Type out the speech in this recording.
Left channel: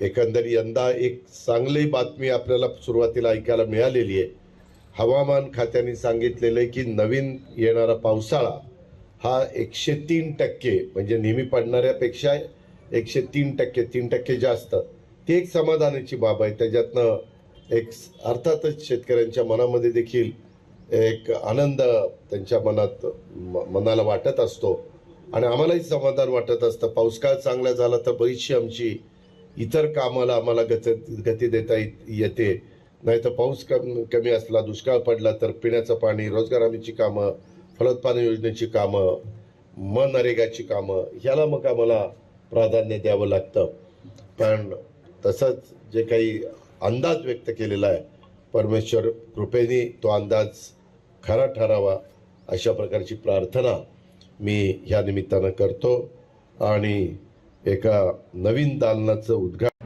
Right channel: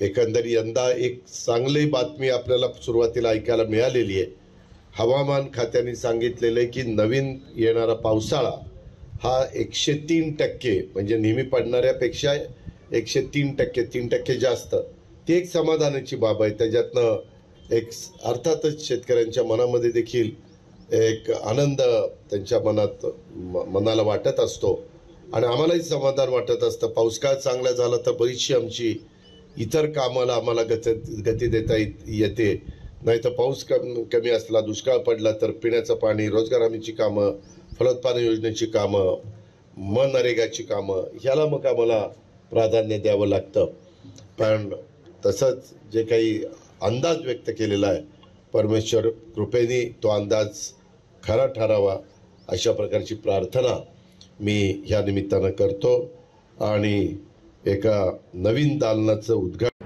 एकंदर यंदा एक चांगली बातमी आपल्याला सुरुवातीला ऐकायला मिळालेली आहे. हवामान खात्याने सांगितलेलं आहे की नवीन येणारा पावसाळा हा 103% म्हणजे नेहमी पडणाऱ्यापेक्षा 103%, 3% जास्त, ती एक समाधानाची बाब आहे. त्याच्यातनं एक अर्थातच शेतकऱ्यांच्या मनामध्ये देखील एक आनंद त्यांच्या मनाला वाटत असतो आणि आम्हालाही समाधान वाटत असतं. पाऊस काळ चांगला झाला तर बरीचशी आमची इतर कामाला आम्हाला गती देता येते. नाही तर पाऊस कमी असला, दुष्काळ पडला तर पिण्याचं पाणी, रोजगार हमीची कामं, फलोत्पादन योजनेची कामं, मनरेगाची कामं, ह्याला मग आम्हाला प्राधान्य द्यावं लागतं. पण तसंच जे काही अंदाज व्यक्त केलेला आहे, परमेश्वर कृपेने तो अंदाज खरा ठरावा अशा प्रकारची प्रार्थना मी ह्या निमित्तानं करतो आणि एका नवीन दालनाचं उद्घाटन